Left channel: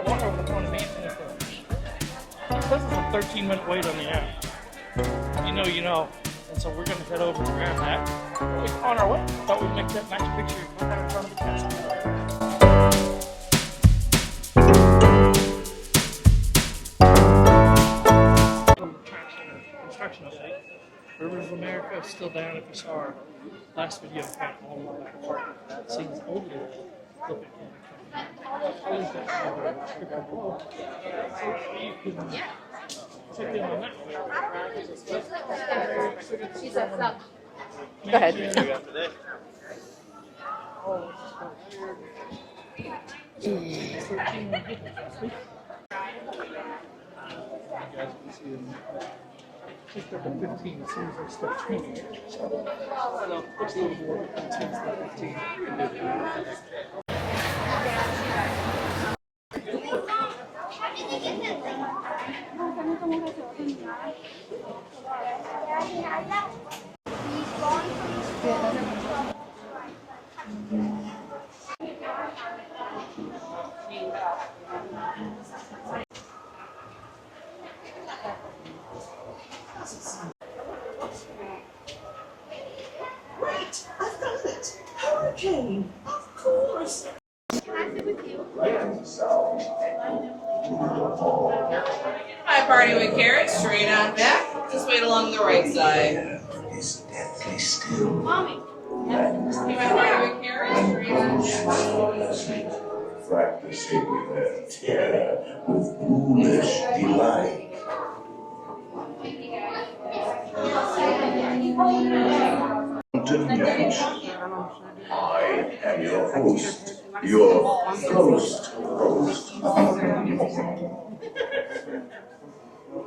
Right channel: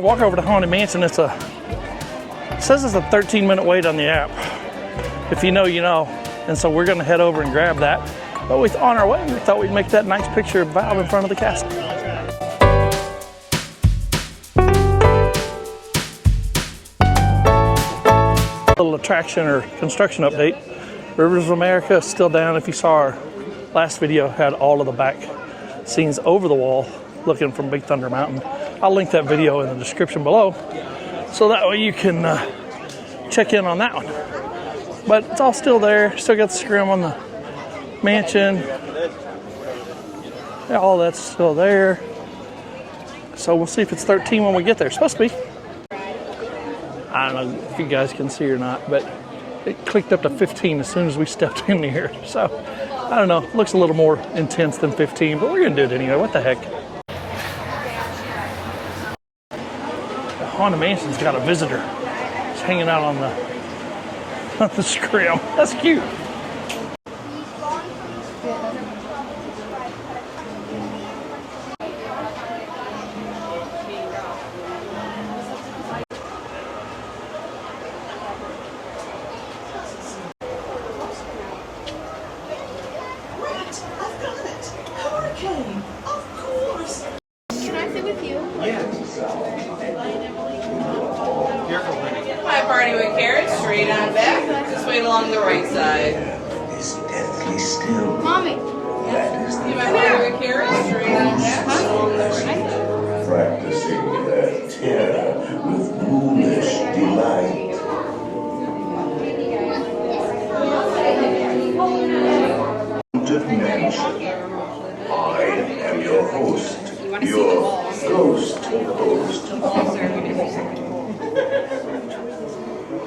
gonna walk over to Haunted Mansion. It says it's a 13-minute wait on the app. If you know, you know. And so we're gonna head over and grab that. But on our way, we thought we'd make that nice picture of Val in front of the castle. Little attraction or construction update. Rivers of America is still down. If you saw our last video, had all of the back scenes over the wall looking from Big Thunder Mountain. I'll link that video in the description below so that way you can check in on that one. But it's all still there. Still got the scrim on the mansion. Yeah, all that's still there. So we'll see if it's 13 when we get there. It's supposed to be. I don't know if you guys can see or not, but it clicked up to 15 as soon as we stepped in here. So I don't know. It looks a little more intense than 15, but we're gonna do it anyway. What the heck? The Haunted Mansion's got a visitor. He's hanging out on the scrim. That's cute. Hi, party with carrots, straight on back. Just wait along the right side. Is deathly still. Mommy. That is the Party with carrots, straight on back. Along the right. practicing their terror with ghoulish delight. Haunted Mansion. I am your host, your ghost host.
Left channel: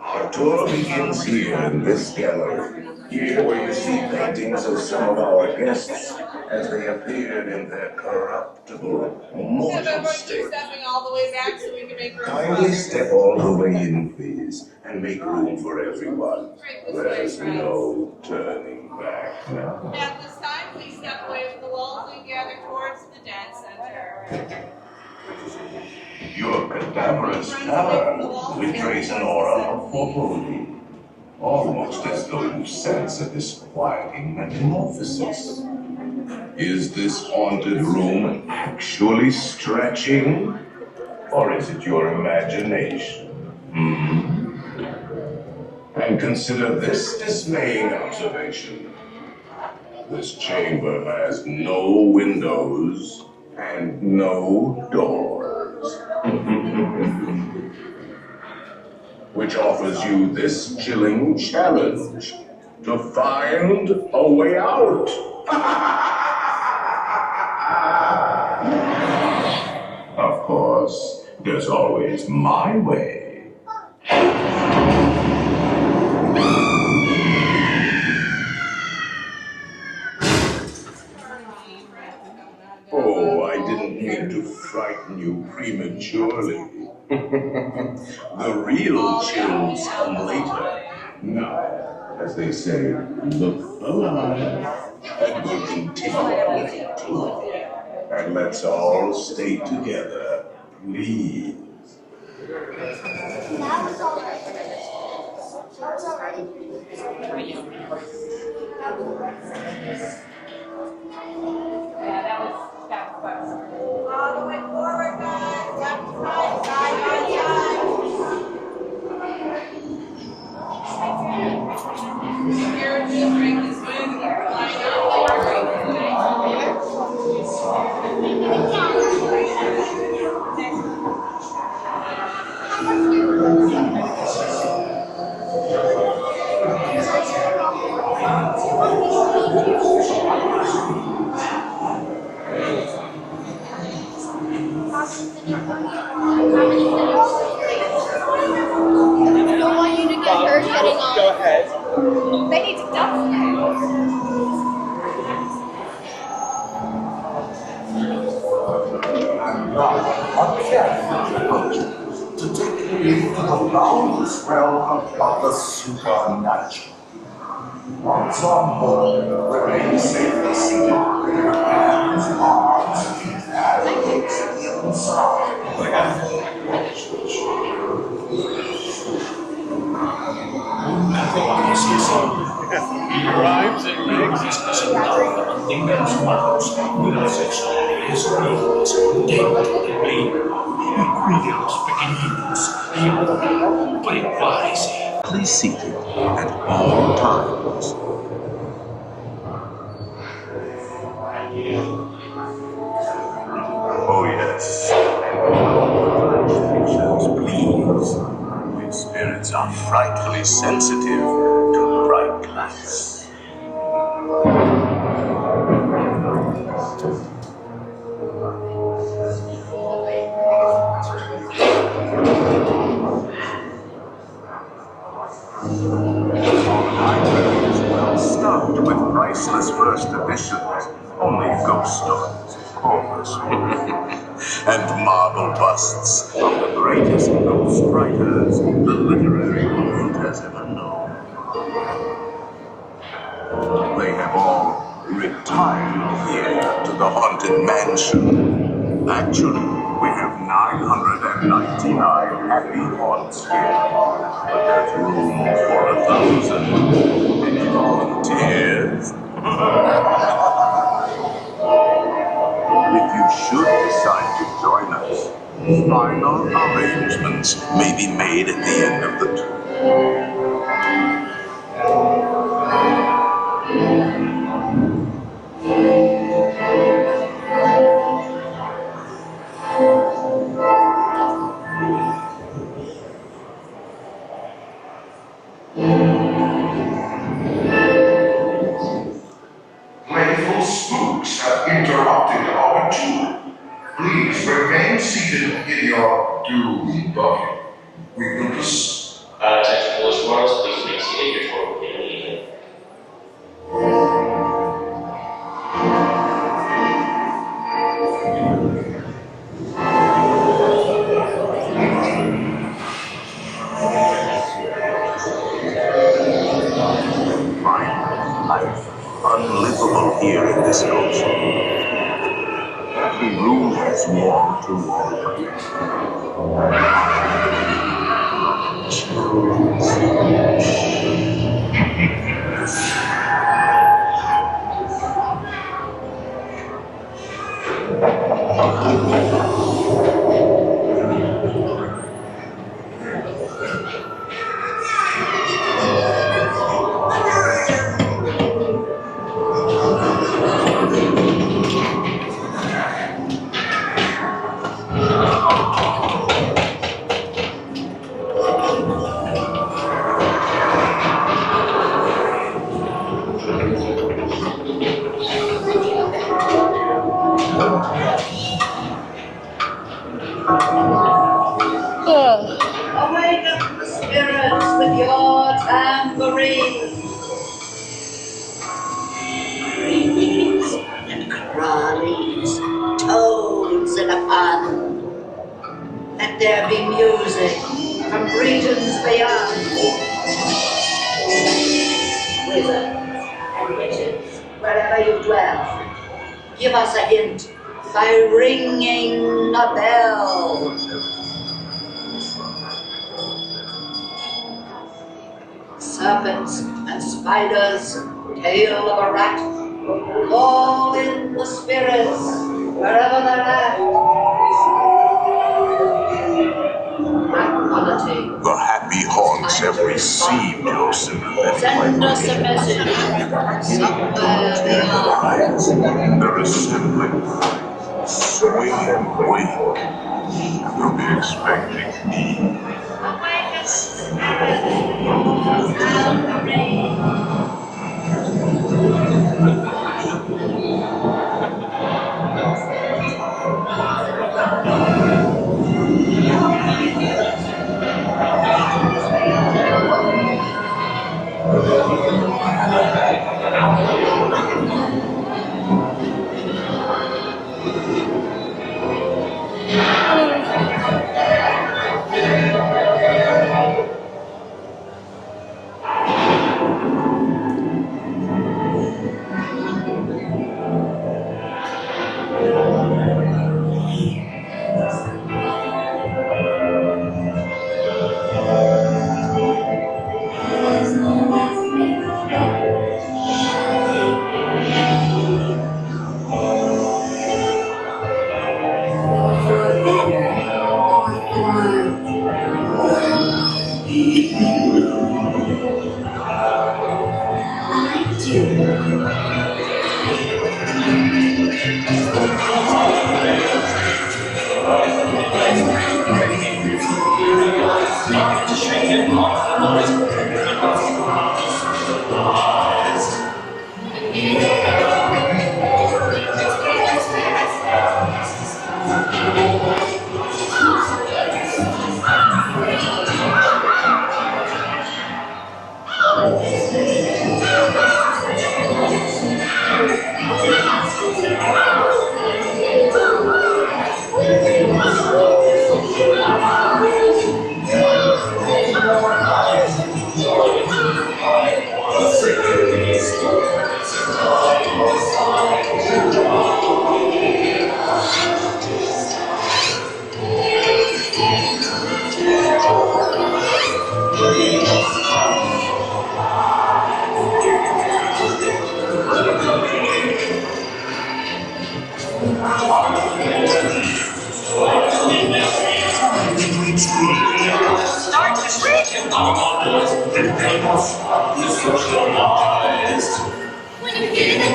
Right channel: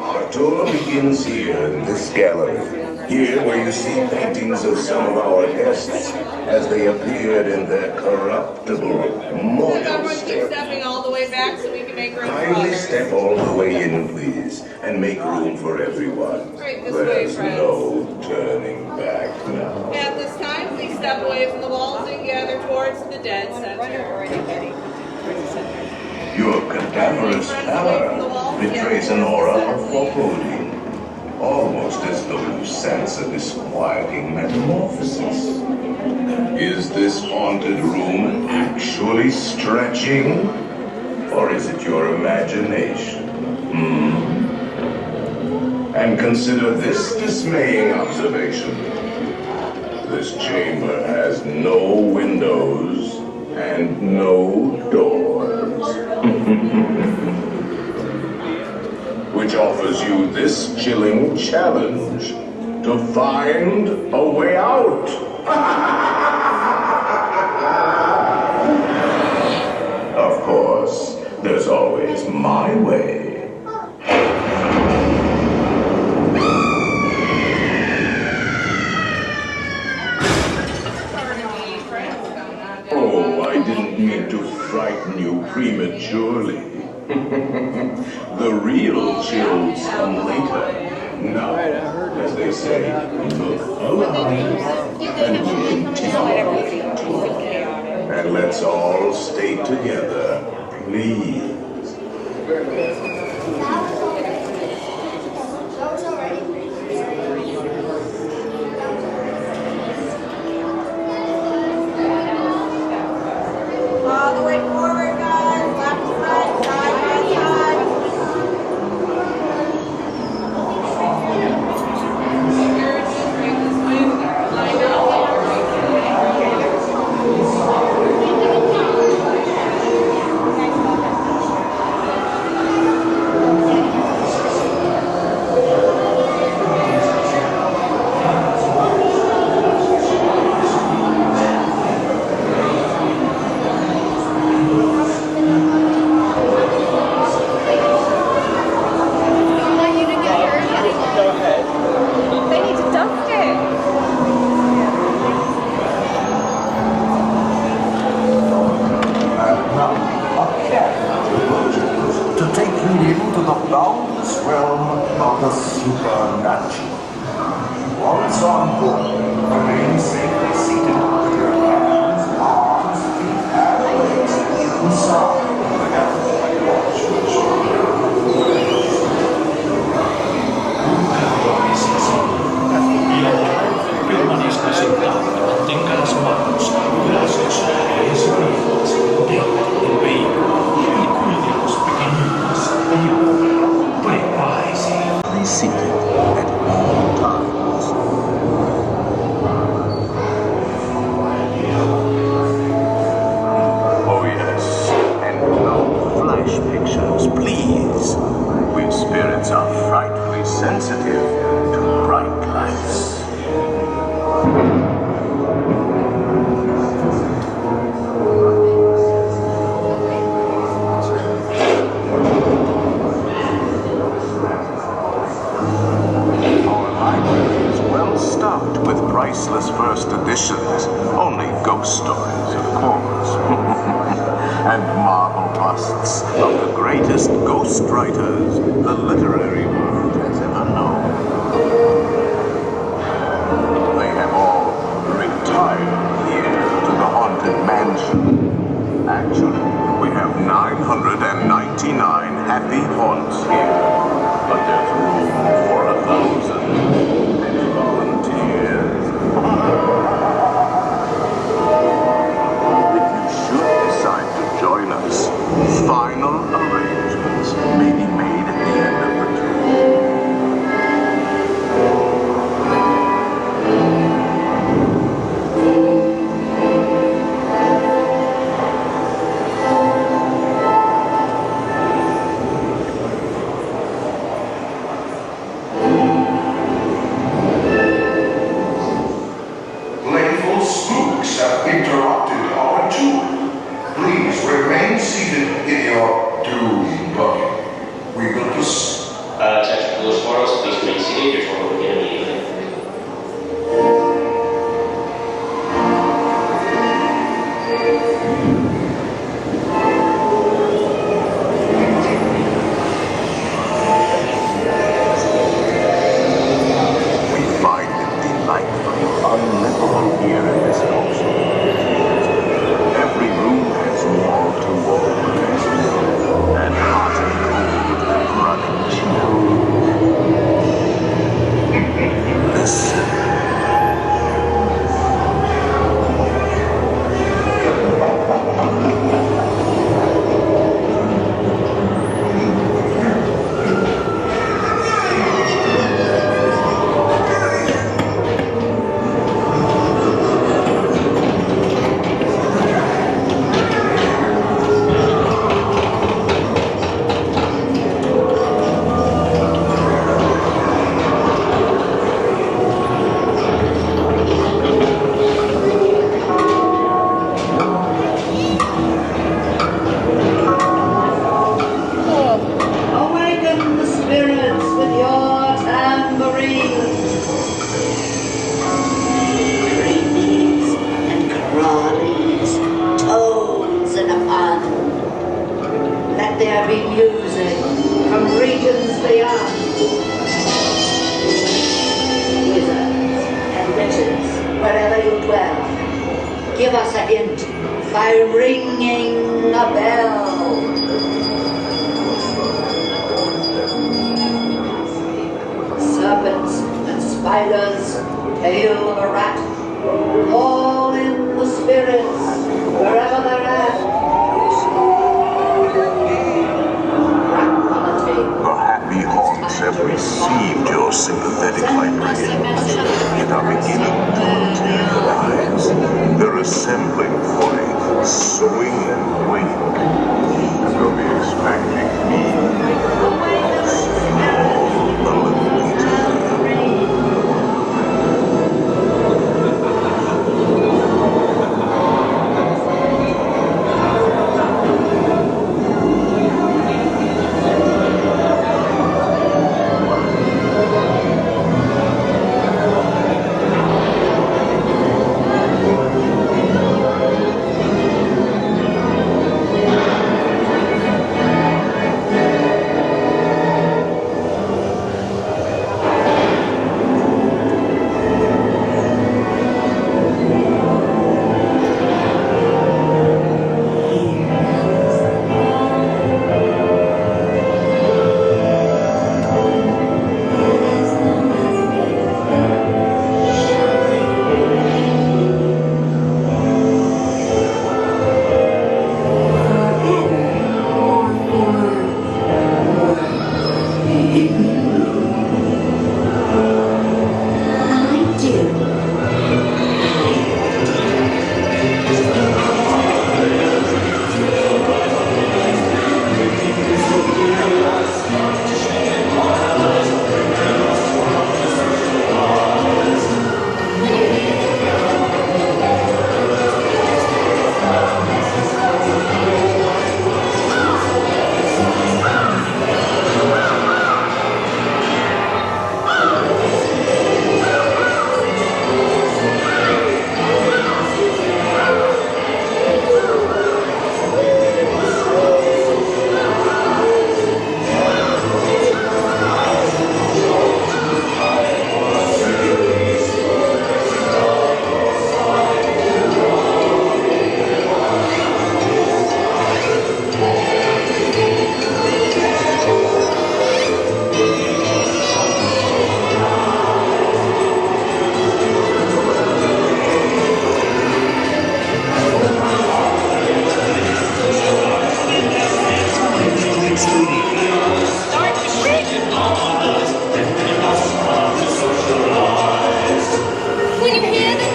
Our tour begins here in this gallery. Here where you see paintings of some of our guests as they appeared in their corruptible, mortal Everyone keep state. stepping all the way back so we can make room for Kindly others. step all the way in, please, and make room for everyone. Right this way, There's friends. no turning back now. At this time, please step away from the walls and gather towards the dead center. Your cadaverous pallor betrays an aura of foreboding, almost as though you sense a disquieting metamorphosis. Is this haunted room actually stretching? Or is it your imagination? And consider this dismaying observation. This chamber has no windows and no doors. Which offers you this chilling challenge to find a way out. Of course, there's always my way. Oh, I didn't mean to frighten you prematurely. The real chills come later. Now, as they say, look alive and we'll continue to talk. And let's all stay together, please. All the way forward, guys. Left side, side by side. Carriages right this way. Line up, right. Don't want you to get hurt heading on. Go ahead. They need to dust it. And now, a careful proposal to take you into the boundless realm of the supernatural. Once on board, remain safely seated with your hands, arms, feet, and legs inside. missions. Only ghost stories, of course. And marble busts of the greatest ghost writers the literary world has ever known. They have all retired here to the haunted mansion. Actually, we have 999 happy haunts here. But there's room for 1,000. Any volunteers? If you should decide to join us, final arrangements may be made at the end of the tour. Playful spooks have interrupted our tour. Please remain seated in your doom buggy. We will proceed. Attention police force, please remain seated. Your tour will begin immediately. We find it delightfully unlivable here in this house. Every room has wall-to-wall protection, and running chills. Listen. Awaken the spirits with your tambourines. Creepies and crawlies, toads and a fun. Let there be music from regions beyond. Wizards and witches, wherever you dwell, give us a hint by ringing a bell. Serpents and spiders, tail of a rat, call in the spirits wherever they're at. Crack The happy haunts have received your sympathetic Send us a vibrations message and are beginning to somewhere beyond. materialize. They're assembling for a swinging wake. You'll be expecting me. Awaken the spirits with your tambourines. When you hear the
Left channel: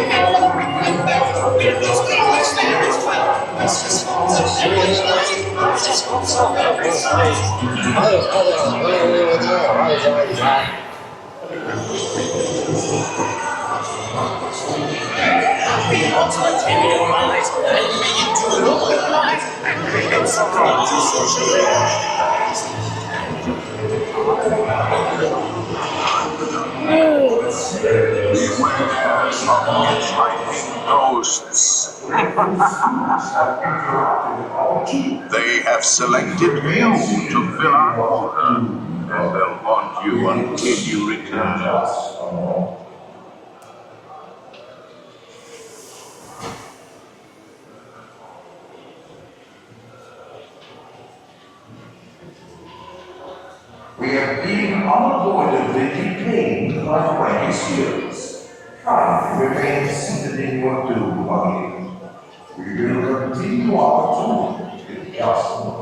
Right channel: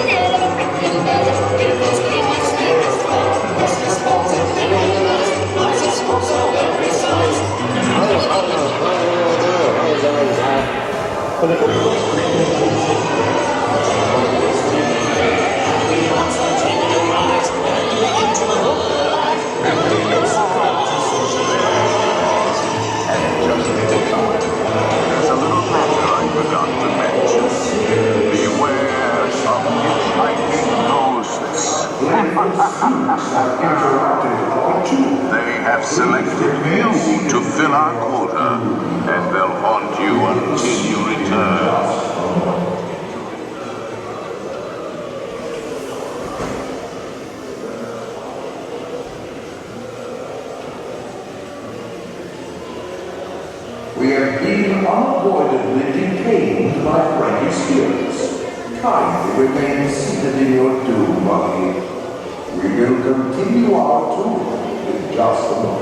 Beware some hitchhiking ghosts. They have selected you to fill our quota, and they'll haunt you until you return. We have been unavoidably detained by friendly spirits. Kindly remain seated in your doom, Buggy. We will continue our tour in just a moment.